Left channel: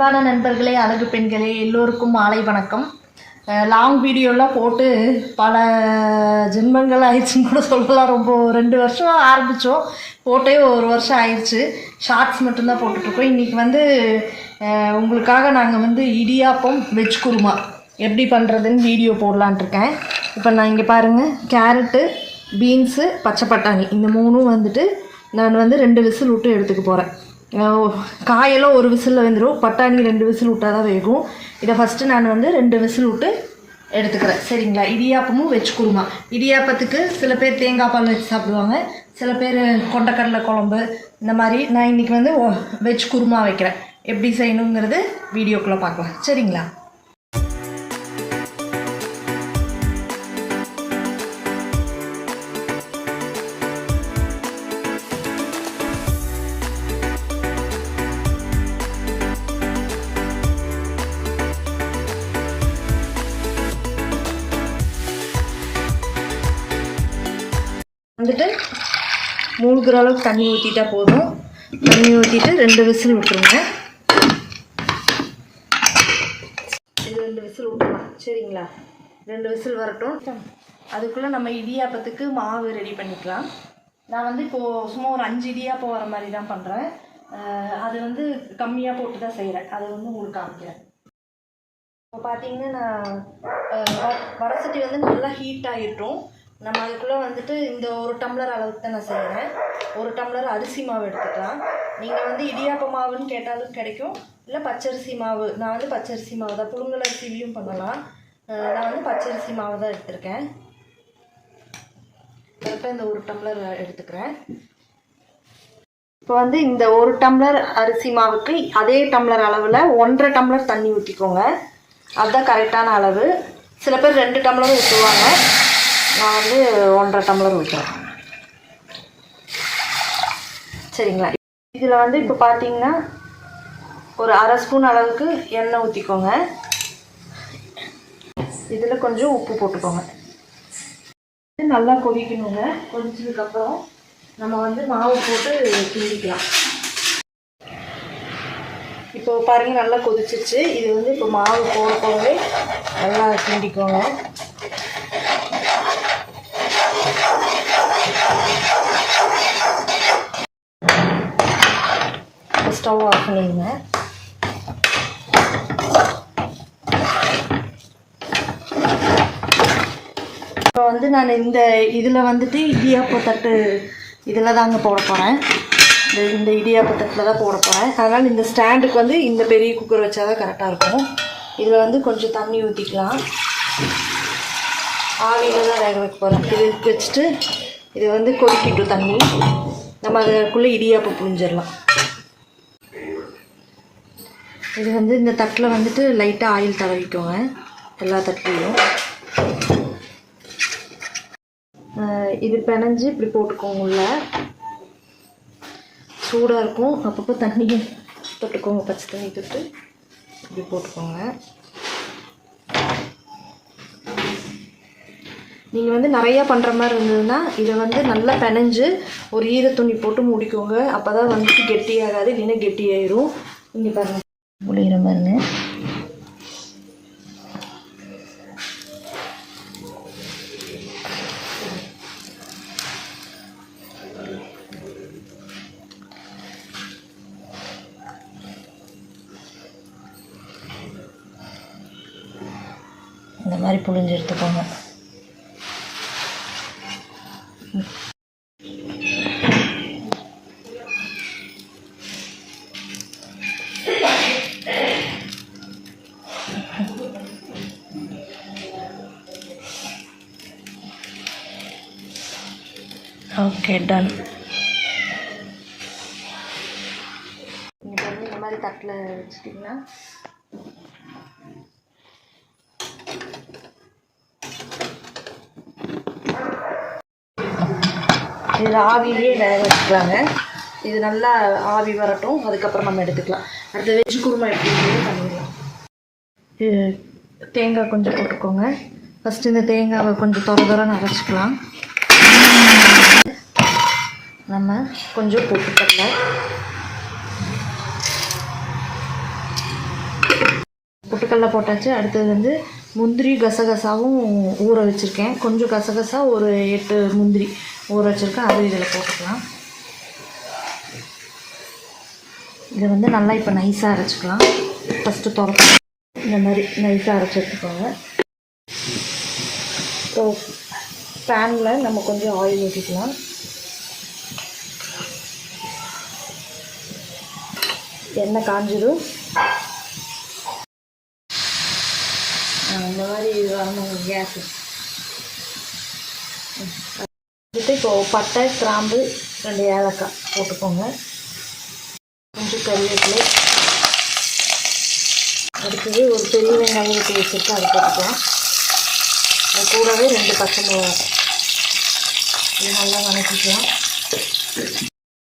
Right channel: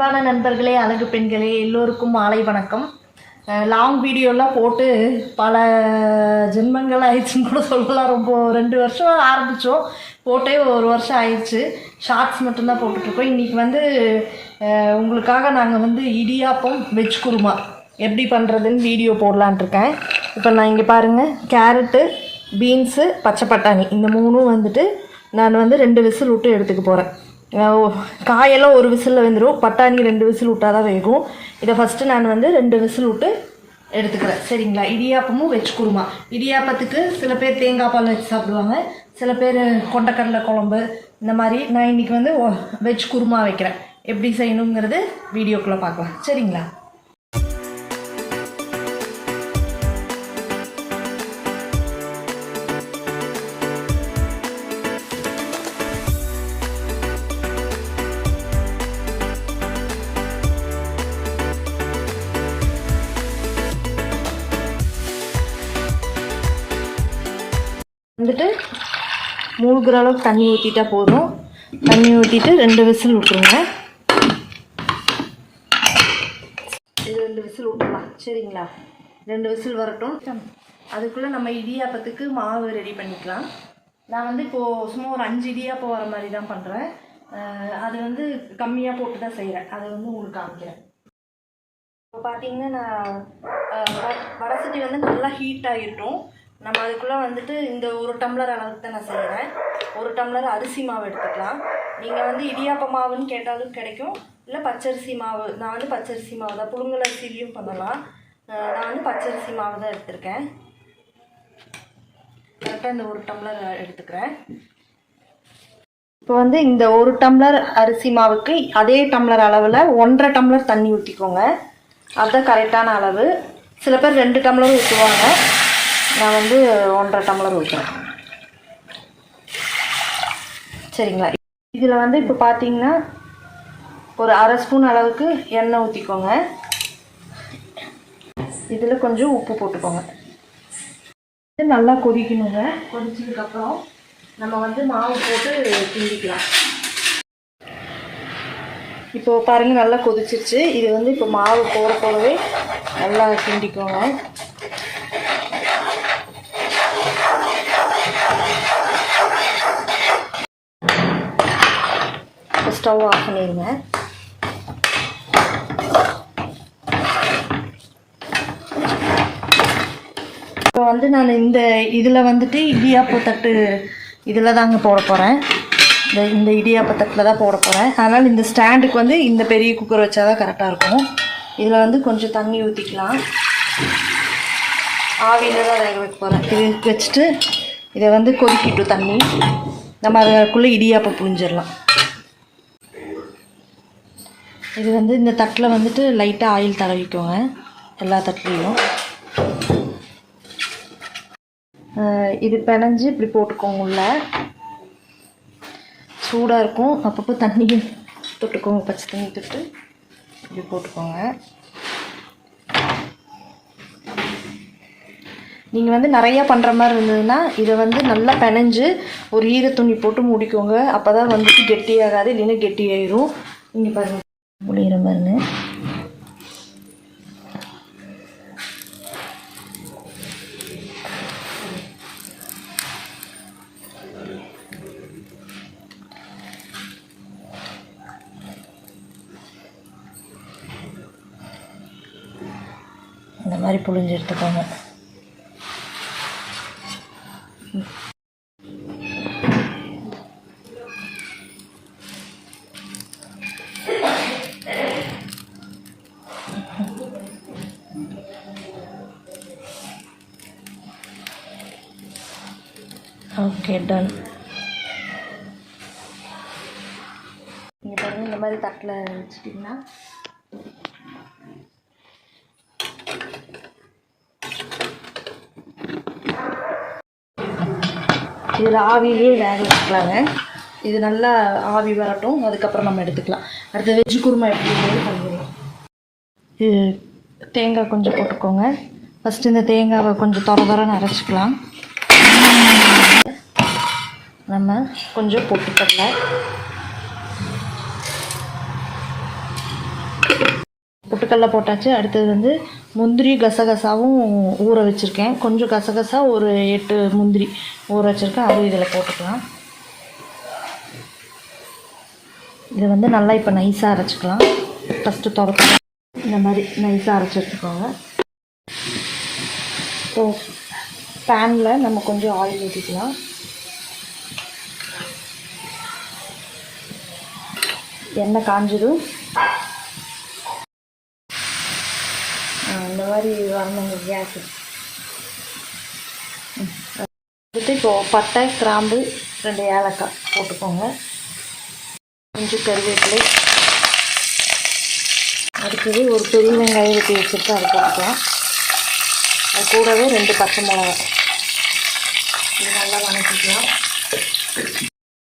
அன்பான நண்பர்களே, அழகு பெண்களே, எல்லோருக்கும் மாலை வணக்கம். லாங் வீடியோலாம் போட்டு பல ஜென்மங்கள் ஆயிடுச்சுன்னு கூட சொல்லலாம். ரொம்ப 2 வருஷம் ஆரம்பித்தோம், போட்டே 1 வருஷம் ஆயிடுச்சு. ஷார்ட்ஸ் மட்டும்தான் போட்டுட்ருக்கோம். இன்றைக்கி உங்களுக்காக நாங்கள் இடியாப்பம் வெஜ் குருமா எப்படி பண்ணுறதுன்னு வீடியோ போடலான்ட்ருக்கேன். இப்போ நான் இங்கே பாருங்கள், கேரட்டு, பீன்ஸு, பச்சை பட்டாணி இந்த மூணும் நான் 2 விசில் விட்டு எடுத்துக்க போகிறேன். காயெல்லாம் 1 விசிலில் வெந்துடும், பட்டாணி 2 விசில் விட்டால் தான் வேகும். இதை ஃபஸ்ட்டு நான் 2 விசில் விட்டு எடுத்துக்கிறேன், சரிங்களா? இடியாப்பமும் வெஜ் குருமா. இடியாப்பத்துக்கு சில பேர் தேங்காய் பால் வச்சு சாப்பிடுவாங்க, சில பேர் கொண்டக்கடலை குழம்பு. இந்த மாதிரி நான் இன்றைக்கி வெஜ் குருமா வைக்கிறேன். எப்படி செய்யணுங்கிறது வீடியோக்குள்ளே பார்க்கலாம், சரிங்களா? மூழ்கிற அளவுக்கு தண்ணி ஊற்றிட்டா போதும். தண்ணி ஊற்றிட்டு 2 விசில் விட்டுருங்க. இது 2 விசில் விட்டுலாம், சரிங்களா? 2 விசில் வரட்டும். அதுக்குள்ளே நம்ம இடியாப்பத்துக்கு மாவு ரெடி பண்ணிக்கலாம். நான் இப்போது சும்மா ஒரு 5 இடியாப்பம் வர மாதிரி தான் பண்ணுறேன். அது கம்மியாக போட்டு தான் செய்கிறேன். அதை உங்களுக்கு காமிக்கிறேன். இப்போ பார்த்தீங்கன்னா நான் வடசட்டி நல்லா ஹீட் ஆகிட்டோம். நம்ம அதுக்குள்ளே இந்த 1 டம்ளர் அளவுக்கு தான் நான் செய்கிறேன். 1 டம்ளர் அரிசி மாவு எடுத்துக்கலாம். நீங்கள் இடியாப்ப மாவுன்னு கேட்டாலும் கிடைக்கும், இல்லை பச்சரிசி மாவு. நான் பச்சரிசி மாவு தான், புழுங்கல் அரிசிலையும் பண்ணலாம். நான் பச்சரிசி மாவு தான் எடுத்திருக்கேன். கரெக்டாக இந்த 1 டம்ளர் எடுத்துக்கிறேன். இப்போ இந்த 1 டம்ளர் அரிசி மாவுக்கு அதே டம்ளர் அளவில் 1.5 டம்ளர் தண்ணி ஊற்றிக்கோங்க. அதுதான் கரெக்டான அளவு. சில பேர் 2 டம்ளர் ஊற்றுவாங்க, நான் 1.5 டம்ளர் ஊற்றுறேன், சரிங்களா? இதில் இப்போ பார்த்தீங்கன்னா ஒரு 1/2 ஸ்பூன் அளவுக்கு எண்ணெய் ஊற்றிக்கோங்க. இதில் கொஞ்சம் உப்பு போட்டுக்கோங்க. நல்லா கொதிக்கணுங்க. கொதிச்சதுக்கப்புறம் நம்ம மாவு போட்டு கிண்டிக்கலாம். இப்போ பாருங்கள், நல்லா கொதிச்சிச்சு. இது இப்போ மாவு போடவே நல்லா கிண்டிக்கோங்க. ஸ்டவ் ஆஃப் பண்ணிடுங்க. இப்போ நான் இந்த இதில் இடியாப்பு தட்டு இதில் தாங்க போட போகிறேன். இந்த இடியாப்பு தட்டில் தான் போட போகிறேன். அதனால் இந்த ஸ்டாண்டுக்கு இந்த பெரிய குக்கர் வச்சா தான் கரெக்டாக இருக்கும். இதில் கொஞ்சம் தண்ணி ஊற்றிக்கலாம். ஆவியில் தான் வேக வைக்க போகிறேன். இது வச்சுட்டு இதை கொதிக்கிட்டும் தண்ணி. நம்ம அதுக்குள்ளே இடியாப்பம் புழிஞ்சிடலாம். இது இந்த தட்டில் லைட்டாக ஆயில் தடவிக்கோங்க, எல்லா தட்டுலையும். இது பிணைஞ்சு இப்படி போட்டுக்கோங்க. உள்ள சூடாக இருக்கும், அப்பப்போ தண்ணியும் தொட்டுக்கோங்க, பச்சை தண்ணி தொட்டு இப்படி போட்டுக்கோங்க. நீங்கள் நிறையா பண்ணுற மாதிரி இருந்ததுன்னா இதை நல்லா பிணைஞ்சு ஒரு ஈர துணி போட்டு மூடிக்கோங்க. அப்போ தான் கெட்டியாகாது, இல்லைன்னா கெட்டியாயிரும். இங்கே பாருங்கள், புளிகிற பாருங்க. இந்த மாதிரி புளிஞ்சு எடுத்துக்கோங்க. Okay, done. இந்த மாதிரி தட்டில் வச்சுட்டிங்கன்னா இது ஆவியிலே வேக வச்சுக்கலாங்க. இது நல்லா ஆவி வரட்டும், அதுக்கப்புறம் நம்ம எடுத்துக்கலாம். அடுத்த வெஜ் குருமா எப்படி பண்ணிடலாம். இது தேங்காய் கொஞ்சம் போட்டுக்கோங்க. ஃபஸ்ட்டு இந்த தேங்காவை கொஞ்சம் தொரன்னு அரைச்சிக்கலாம். நம்ம கொஞ்சம் பொட்டுக்கடலை, பொட்டுக்கடலை போட்டாச்சு. அடுத்தது வந்து முந்திரி கசகசாவும் ஊற வச்சுருக்கேன். கொஞ்சம் கசகசா ஒரு 8 முந்திரி ஊற வச்சுருக்கேன். அது இதில் போட்டுக்கலாம். இதை வந்து நல்லா இப்போ நைஸாக அரைச்சிக்கலாம். ஃபஸ்ட்டு துவக்க இந்த மாதிரி நைஸாக அரைச்சி எடுத்துக்கோங்க. ஸோ பேனில் நம்ம கொஞ்சம் ஆயில் ஊற்றிக்கலாம். எண்ணெய் காஞ்சதும் இந்த மாதிரி வரணும். கேஸு வந்துட்டு இப்போது பட்டை கிராம்பு 2 ஏலக்காய் போட்டுக்கோங்க. கொஞ்சம் கருவேப்பிலை. அடுத்தது ஒரு பெரிய வெங்காயம் ஊற்றி வச்சுட்டு அதை போட்டுக்கலாம். அது கூடவே 2 பச்சை மிளகாய் இது நல்லா வதக்கிக்கலாம்.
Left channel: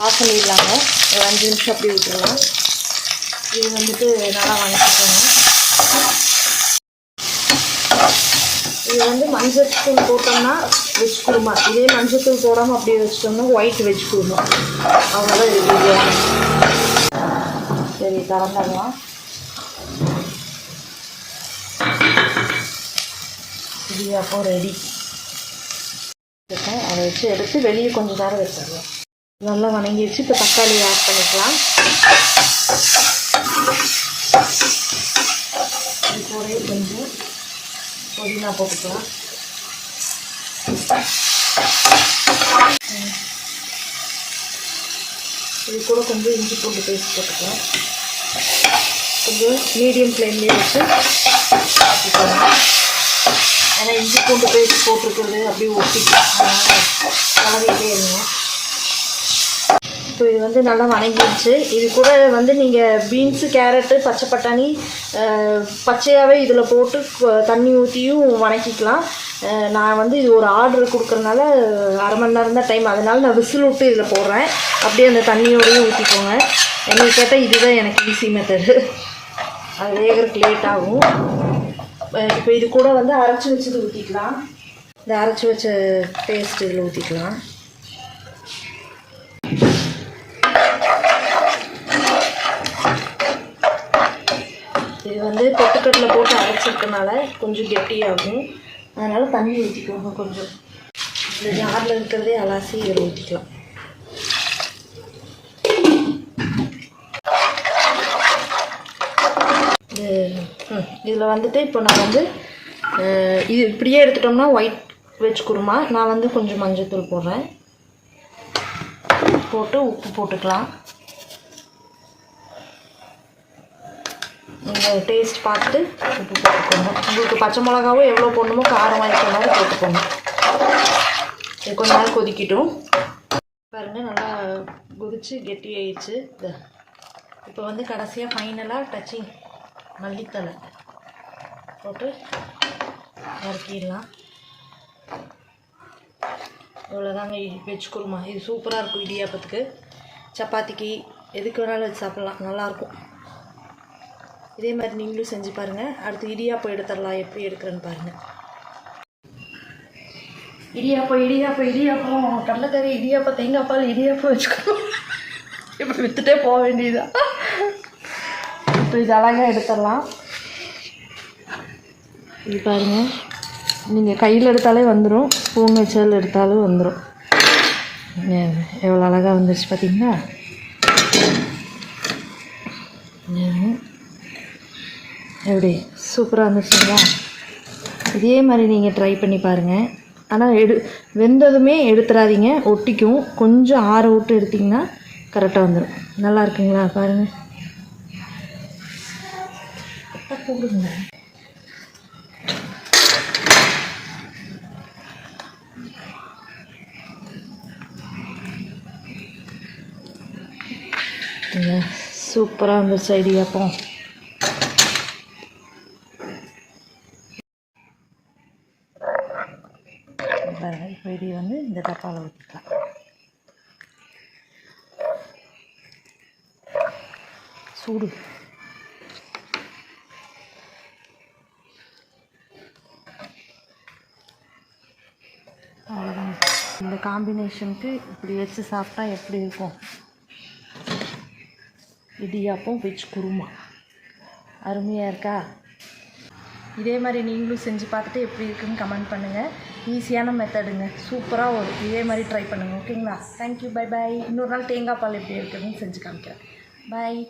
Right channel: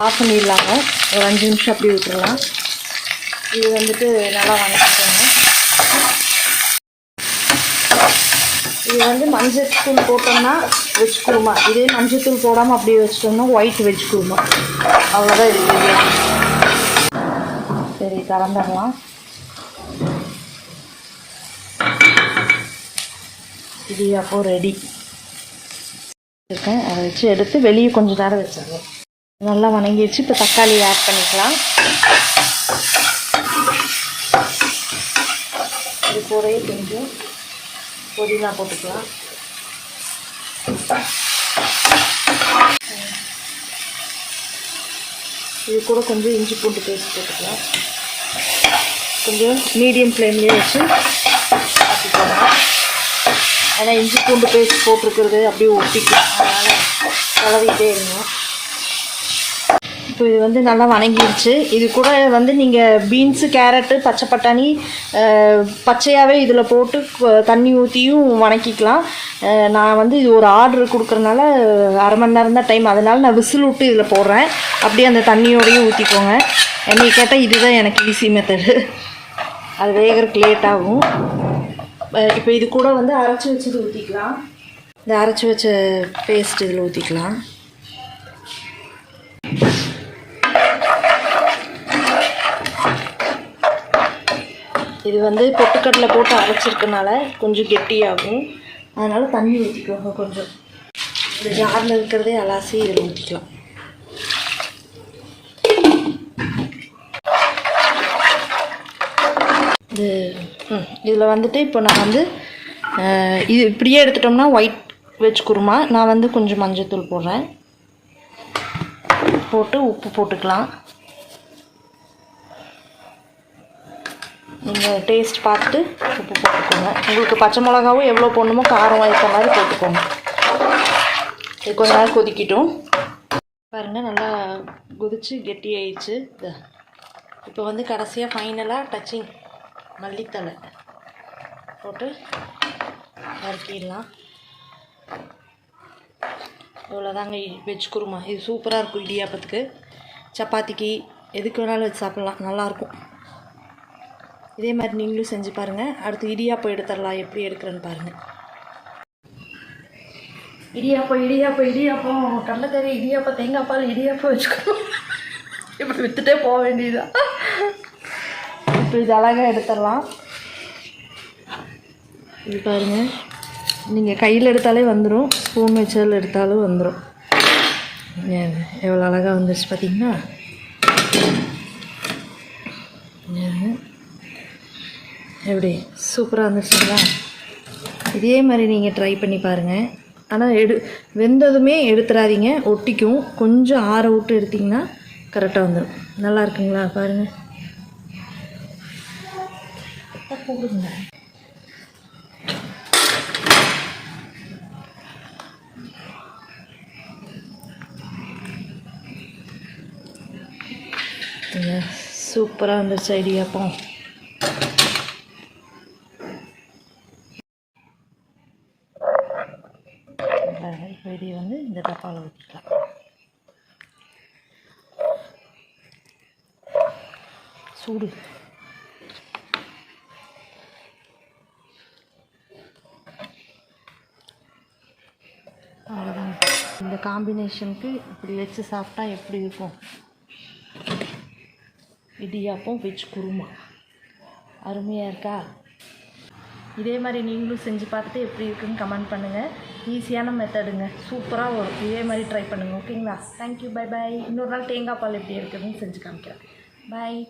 ஆஃப் பண்ணிடலாங்க. ஒரு 5 நிமிஷம் அப்படி விட்டுருலாம். இது வந்துட்டு நல்லா வதக்கிக்கோங்க. இது வந்து மஞ்சள் தூள் போட்டோம்னா வெஜ் குருமா. இதே மஞ்சள் தூள் போடாமல் அப்படியே வச்சிட்டோம்னா ஒயிட் வெஜ் குருமா. அவ்வளோதான் இது பிரியாணி. சரி திறந்துடலாம். இது அப்போ ரெடி இருக்கேன். அதை வச்சு எடுத்து வெளியே கொஞ்சம் நேரம் வச்சிடலாம். நல்லா வணங்கி வச்சு இப்போ தக்காளி ஆட் பண்ணிக்கலாம். இது கூடவே கொஞ்சம் புதினா போட்டுக்கலாம். இது கூட கொஞ்சம் இஞ்சி பூண்டு பேஸ்ட் போட்டுக்கலாம். கொஞ்சம் மீடியம் ஃப்ளேம்லேயே வச்சு ஏன்னா இஞ்சி பூண்டு பேஸ்ட் போட்டிருக்கிறது அப்படியே ஒட்டிக்கலாம். கலவிட்டே இருங்க. இப்போ இது வந்து நல்லா வணங்கிடுச்சு. இது கூட வந்து நீங்கள் பீன்ஸு கேரட்டு பச்சை பட்டாணி பச்சையாகவே இதில் போட்டு தண்ணி ஊற்றியும் வணக்கிக்கலாம். நான் வந்து இது ஒரு ஆர்டர் கொடுக்குறதுனால அரை மணி நேரம் தான் டைம். அதனால் நான் விசில் விட்டு இதில் போடுறேன். அப்படியே அந்த தண்ணியோடையும் ஊற்றிக்கோங்க. என்னை கேட்டால் இதுதான் எனக்கு ஈஸி மெத்தடு. அது வேகிறதுக்கு லேட் ஆகும். இப்போ இது கூட வந்து அரைச்சி வச்சது ஊற்றிக்கலாம். இந்த அரைச்சி வச்ச பேஸ்ட் இதில் ஊற்றிக்கலாம். இது வந்து பொட்டுக்கடலை போட்டு அரைச்சிருக்கனால கொஞ்சம் கெட்டியாகும். அதனால் தண்ணி ஊற்றிக்கோங்க. கொஞ்சம் இந்த ஜாரில் இருக்கிறதே அலாசி இதில் ஊற்றிக்கலாம். இதில் வந்துட்டு இப்போ நான் வந்து இது இப்படியே எடுத்துட்டோம்னா ஒயிட் வெஜ் குருமா. நான் வந்து கொஞ்சம் மஞ்சள் போடுறேன். போட்டு உப்பு போட்டுக்கலாம். டேஸ்ட் பார்த்துட்டு உப்பு போட்டுக்கோங்க. உங்களுக்கு பச்சை மிளகாவும் எவ்வளோ போடணுமோ காரம் வாங்கிக்க மாதிரி போட்டுக்கோங்க. இது கொஞ்ச நேரம் கொதிக்கிட்டும். பாருங்கள் நல்லா கொதிச்சு கெட்டி ஆயிடுச்சு. இப்போ வந்து கடைசியாக ஃபைனலாக டச்சிங் மல்லித்தலை போட்டு இறக்கிடலாம். இவ்வளோதாங்க வெஜ் குருமா. இது சூப்பராக இருக்கும். இடியாப்பத்துக்கு சப்பாத்திக்கு எதுக்கு வேணாலும் வச்சு சாப்பிட்லாம். நல்லாயிருக்கும். இதே மாதிரி நீங்களும் செஞ்சு பாருங்கள். அடுத்து இடியாப்பம் எடுத்துடலாம். எப்படி எடுக்கிறேன்னு பாருங்கள். இடியாப்பம் கடலைக்கறி இடியாப்பம் தேங்காய் பால் இடியாப்பம் வச்சுக்கணும். இப்படி விற்றுட்டே போக வேண்டியதுதான். இப்போ இது அழகாக எடுத்துடலாம். இது பாருங்கள். நீங்கள் கையில் எடுத்தாலே வந்துடும். ஸ்பூன் வச்சால் எடுத்தாலும் வந்துடும். எவ்வளோ அழகாக வந்துருச்சு பார்த்தீங்கன்னா. எப்படி சூப்பராக இருந்துச்சுங்களா? இதே மாதிரி நீங்கள் ட்ரை பண்ணி பாருங்கள். ஆனால் வெந்ததுமே எடுத்துடாதீங்க, ஒட்டிக்கும். கொஞ்சம் ஆற விட்டு எடுத்திங்கன்னா கரெக்டாக வந்துடும். நல்லா இருக்குங்களா? பாருங்கள். போடுங்க. சூப்பராக வந்துருச்சு இடியாப்பம். இப்போ இது வந்து இந்த டப்பாவில் ஊற்றிக்கலாம். சூடு அவ்வளோதான். இந்த காம்பினேஷனுக்கு இப்படி வச்சு சாப்பிட்டா எப்படி இருக்கும்? இடியாப்பம் வெஜ் குருமா அருமையாக இருக்கா? இதே மாதிரி நீங்களும் செஞ்சு பார்த்துட்டு எப்படி இருக்குன்னு கமெண்ட் பண்ணுங்கள். ஈஸியான மெத்தடுங்க, சூப்பராக வரும். இதே மாதிரி ட்ரை பண்ணுங்கள். ஓகேங்களா? Thank you, bye bye. இன்னொரு நாள் தேங்காய் பால் எப்படி இருக்குதுன்னு செஞ்சு காமிக்கிறேன். பாய்.